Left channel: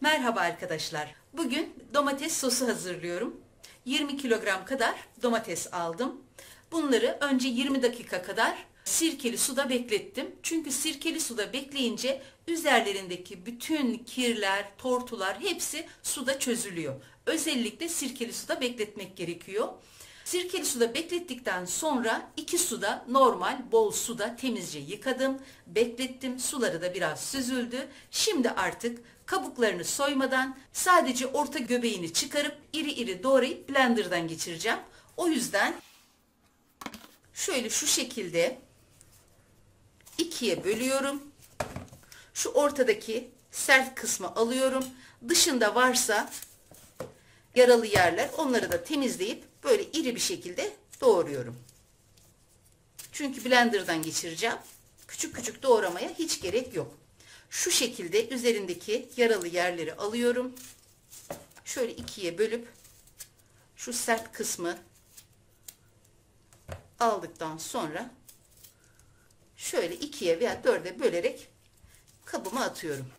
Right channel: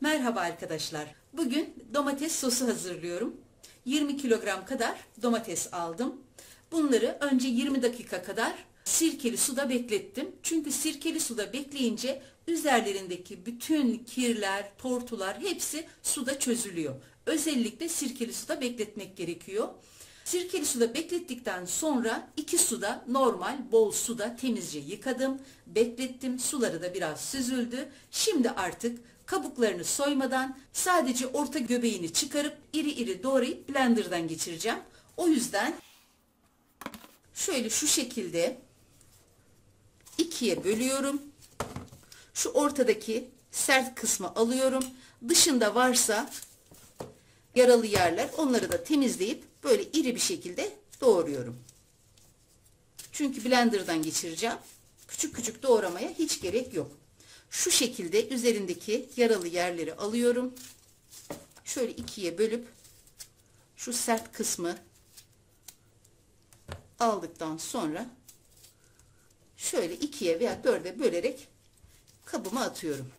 Merhaba arkadaşlar. Bugün domates sosu hazırlıyorum. 20 kilogram kadar domates aldım. Bunları önce 20 dakika kadar sirkeli suda beklettim. Çünkü sirkeli suda bekleyince üzerlerindeki bütün kirler, tortular hepsi suda çözülüyor. Özellikle sirkeli suda bekletmek gerekiyor. Sirkeli suda beklettikten sonra 2 suda normal bol suda temizce yıkadım, beklettim. Suları da biraz süzüldü. Şimdi artık kabuklarını soymadan sadece orta göbeğini çıkarıp iri iri doğrayıp blenderdan geçireceğim. O yüzden şöyle şu şekilde ikiye bölüyorum. Şu ortadaki sert kısmı alıyorum. Dışında varsa yaralı yerler, onları da temizleyip böyle iri bir şekilde doğruyorum. Çünkü blenderdan geçireceğim. Küçük küçük doğramaya hiç gerek yok. Şu şekilde üzerindeki yaralı yerleri alıyorum. Şöyle ikiye bölüp şu sert kısmı aldıktan sonra şöyle ikiye veya dörde bölerek kabıma atıyorum.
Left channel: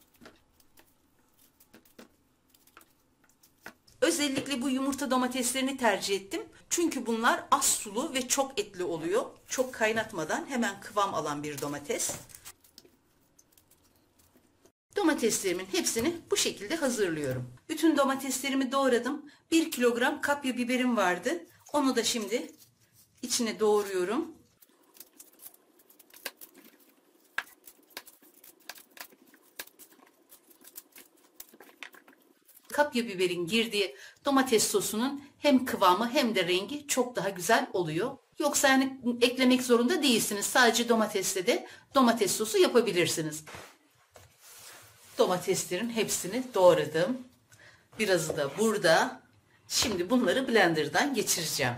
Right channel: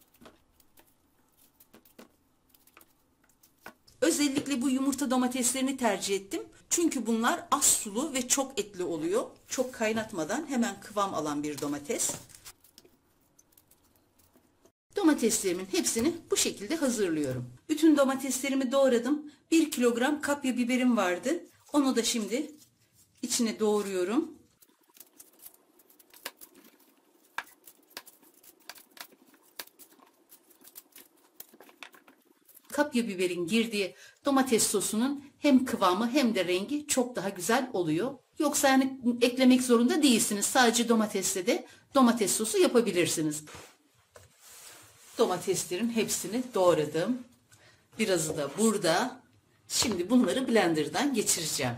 Özellikle bu yumurta domateslerini tercih ettim. Çünkü bunlar az sulu ve çok etli oluyor. Çok kaynatmadan hemen kıvam alan bir domates. Domateslerimin hepsini bu şekilde hazırlıyorum. Bütün domateslerimi doğradım. 1 kilogram kapya biberim vardı. Onu da şimdi içine doğruyorum. Kapya biberin girdiği domates sosunun hem kıvamı hem de rengi çok daha güzel oluyor. Yoksa yani eklemek zorunda değilsiniz. Sadece domatesle de domates sosu yapabilirsiniz. Domateslerin hepsini doğradım. Birazı da burada. Şimdi bunları blenderdan geçireceğim.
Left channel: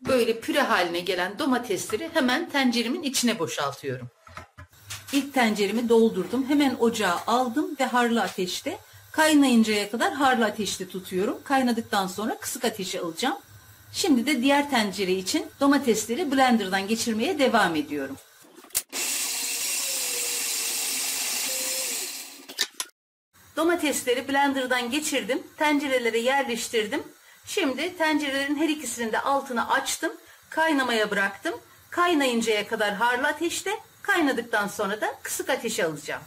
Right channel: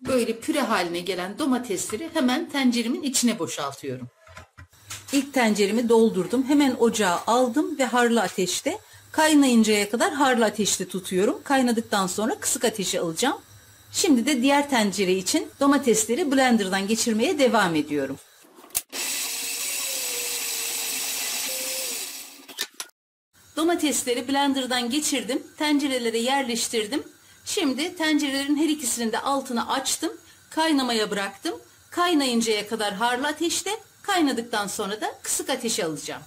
Böyle püre haline gelen domatesleri hemen tenceremin içine boşaltıyorum. İlk tenceremi doldurdum. Hemen ocağa aldım ve harlı ateşte kaynayıncaya kadar harlı ateşte tutuyorum. Kaynadıktan sonra kısık ateşe alacağım. Şimdi de diğer tencere için domatesleri blenderdan geçirmeye devam ediyorum. Domatesleri blenderdan geçirdim. Tencerelere yerleştirdim. Şimdi tencerelerin her ikisinin de altını açtım. Kaynamaya bıraktım. Kaynayıncaya kadar harlı ateşte, kaynadıktan sonra da kısık ateşe alacağım.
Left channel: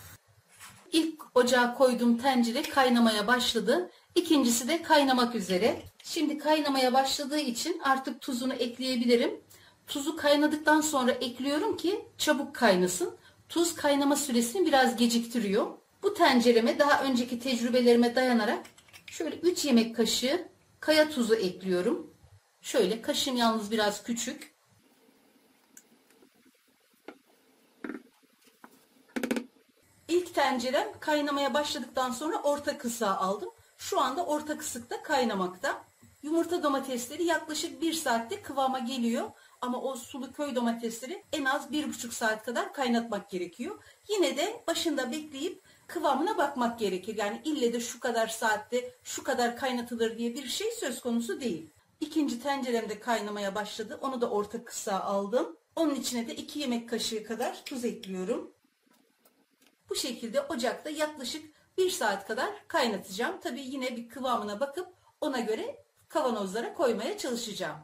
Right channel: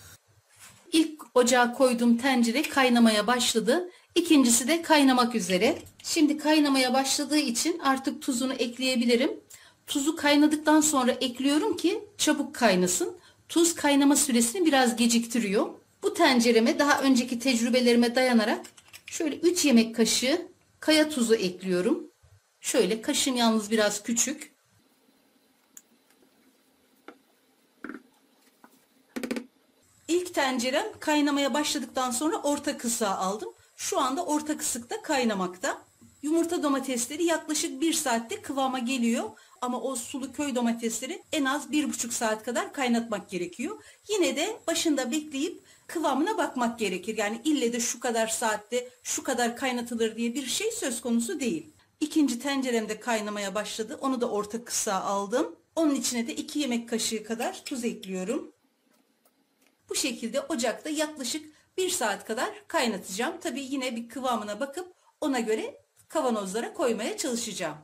İlk ocağa koyduğum tencere kaynamaya başladı. İkincisi de kaynamak üzere. Şimdi kaynamaya başladığı için artık tuzunu ekleyebilirim. Tuzu kaynadıktan sonra ekliyorum ki çabuk kaynasın. Tuz kaynama süresini biraz geciktiriyor. Bu tencereme daha önceki tecrübelerime dayanarak şöyle 3 yemek kaşığı kaya tuzu ekliyorum. Şöyle kaşığım yalnız biraz küçük. İlk tencerem kaynamaya başladıktan sonra orta kısığa aldım. Şu anda orta kısıkta kaynamakta. Yumurta domatesleri yaklaşık 1 saatte kıvama geliyor. Ama o sulu köy domatesleri en az 1,5 saat kadar kaynatmak gerekiyor. Yine de başında bekleyip kıvamına bakmak gerekir. Yani ille de şu kadar saatte şu kadar kaynatılır diye bir şey söz konusu değil. İkinci tencerem de kaynamaya başladı. Onu da orta kısığa aldım. Onun içine de 2 yemek kaşığı kadar tuz ekliyorum. Bu şekilde ocakta yaklaşık 1 saat kadar kaynatacağım. Tabii yine bir kıvamına bakıp ona göre kavanozlara koymaya çalışacağım.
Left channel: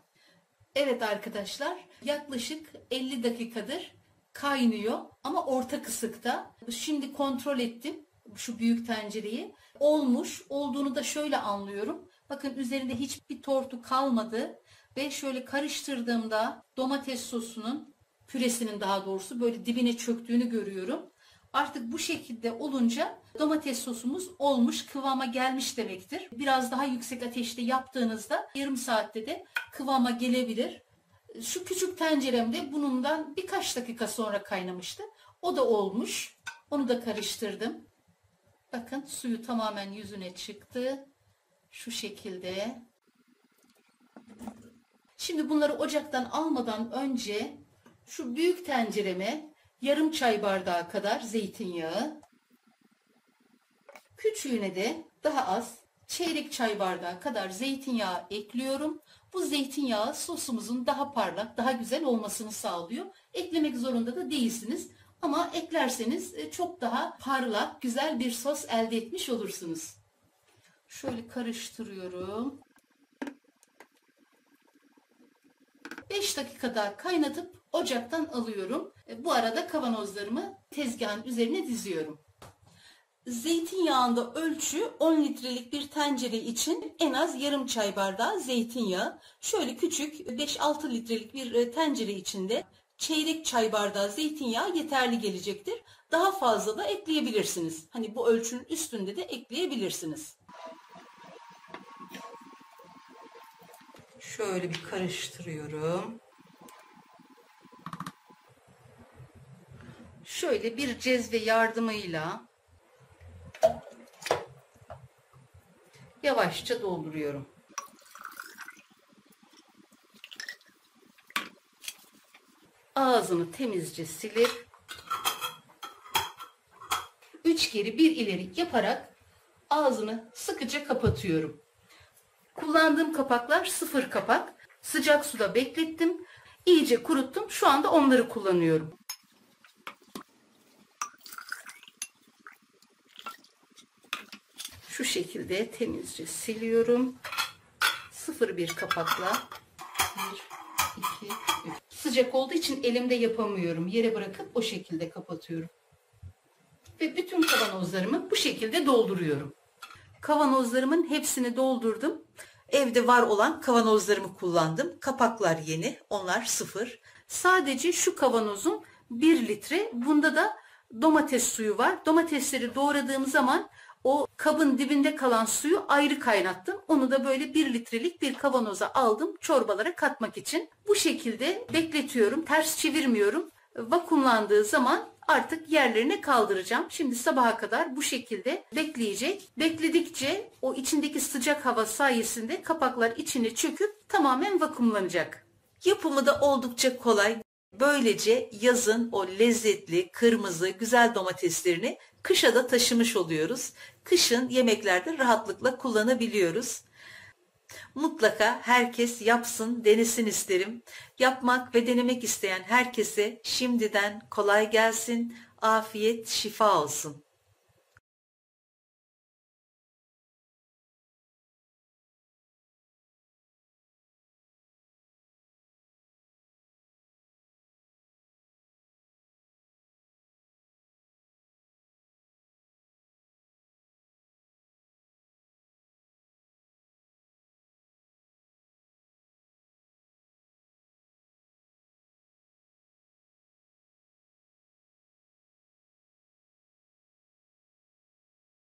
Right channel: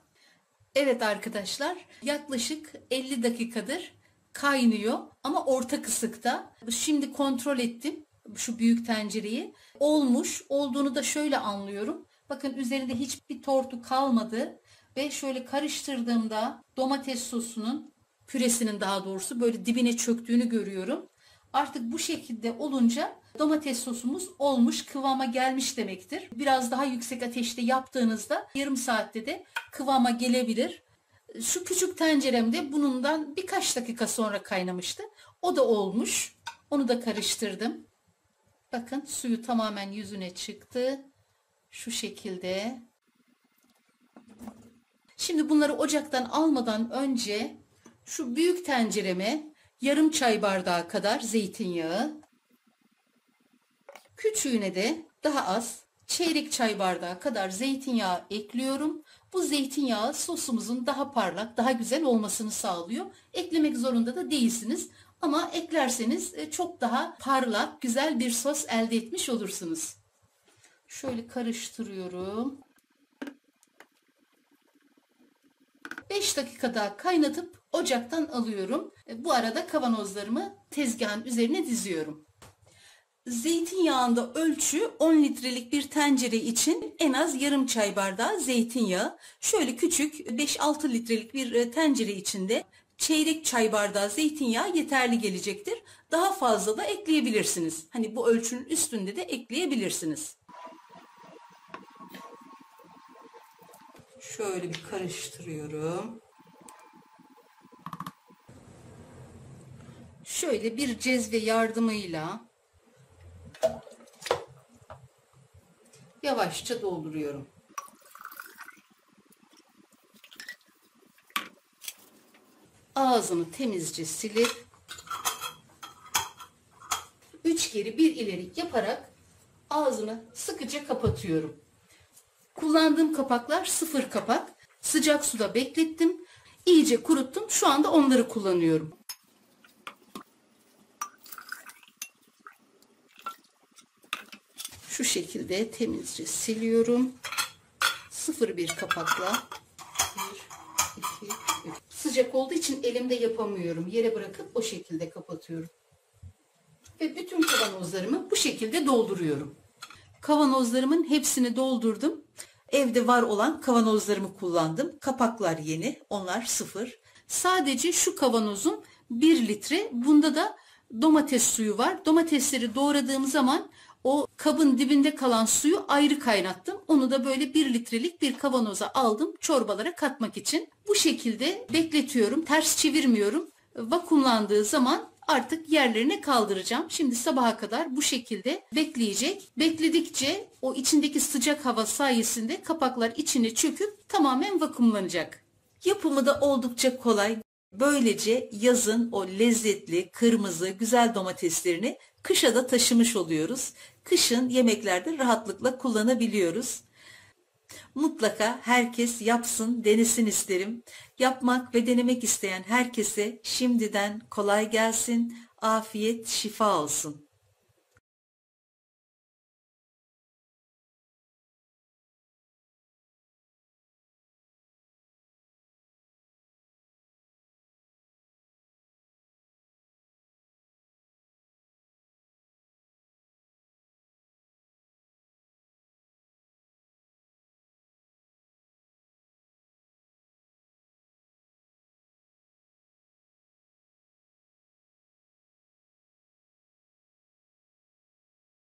Evet arkadaşlar, yaklaşık 50 dakikadır kaynıyor ama orta kısıkta. Şimdi kontrol ettim şu büyük tencereyi. Olmuş, olduğunu da şöyle anlıyorum. Bakın üzerinde hiçbir tortu kalmadı ve şöyle karıştırdığımda domates sosunun, püresinin daha doğrusu böyle dibine çöktüğünü görüyorum. Artık bu şekilde olunca domates sosumuz olmuş, kıvama gelmiş demektir. Biraz daha yüksek ateşte yaptığınızda yarım saatte de kıvama gelebilir. Şu küçük tenceremde bundan birkaç dakika sonra kaynamıştı. O da olmuş. Onu da karıştırdım. Bakın suyu tamamen yüzüne çıktı. Şu şekilde. Şimdi bunları ocaktan almadan önce şu büyük tencereme yarım çay bardağı kadar zeytinyağı, küçüğüne de daha az çeyrek çay bardağı kadar zeytinyağı ekliyorum. Bu zeytinyağı sosumuzun daha parlak, daha güzel olmasını sağlıyor. Eklemek zorunda da değilsiniz. Ama eklerseniz çok daha parlak, güzel bir sos elde etmiş olursunuz. Şöyle karıştırıyorum. 5 dakika daha kaynatıp ocaktan alıyorum. Bu arada kavanozlarımı tezgahın üzerine diziyorum. Zeytinyağında ölçü 10 litrelik bir tencere için en az yarım çay bardağı zeytinyağı. Şöyle küçük 5-6 litrelik bir tencere içinde çeyrek çay bardağı zeytinyağı yeterli gelecektir. Daha fazla da ekleyebilirsiniz. Hani bu ölçünün üstünde de ekleyebilirsiniz. Şöyle bir karıştırıyorum. Şöyle bir cezve yardımıyla yavaşça dolduruyorum. Ağzını temizce silip 3 geri 1 ileri yaparak ağzını sıkıca kapatıyorum. Kullandığım kapaklar 0 kapak. Sıcak suda beklettim. İyice kuruttum. Şu anda onları kullanıyorum. Şu şekilde temizce siliyorum. 0,1 kapakla 1, 2, 3. Sıcak olduğu için elimde yapamıyorum. Yere bırakıp o şekilde kapatıyorum. Ve bütün kavanozlarımı bu şekilde dolduruyorum. Kavanozlarımın hepsini doldurdum. Evde var olan kavanozlarımı kullandım. Kapaklar yeni, onlar 0. Sadece şu kavanozum 1 litre. Bunda da domates suyu var. Domatesleri doğradığım zaman o kabın dibinde kalan suyu ayrı kaynattım. Onu da böyle 1 litrelik bir kavanoza aldım çorbalara katmak için. Bu şekilde bekletiyorum. Ters çevirmiyorum. Vakumlandığı zaman artık yerlerine kaldıracağım. Şimdi sabaha kadar bu şekilde bekleyecek. Bekledikçe o içindeki sıcak hava sayesinde kapaklar içine çöküp tamamen vakumlanacak. Yapımı da oldukça kolay. Böylece yazın o lezzetli, kırmızı, güzel domateslerini kışa da taşımış oluyoruz. Kışın yemeklerde rahatlıkla kullanabiliyoruz. Mutlaka herkes yapsın, denesin isterim. Yapmak ve denemek isteyen herkese şimdiden kolay gelsin, afiyet, şifa olsun.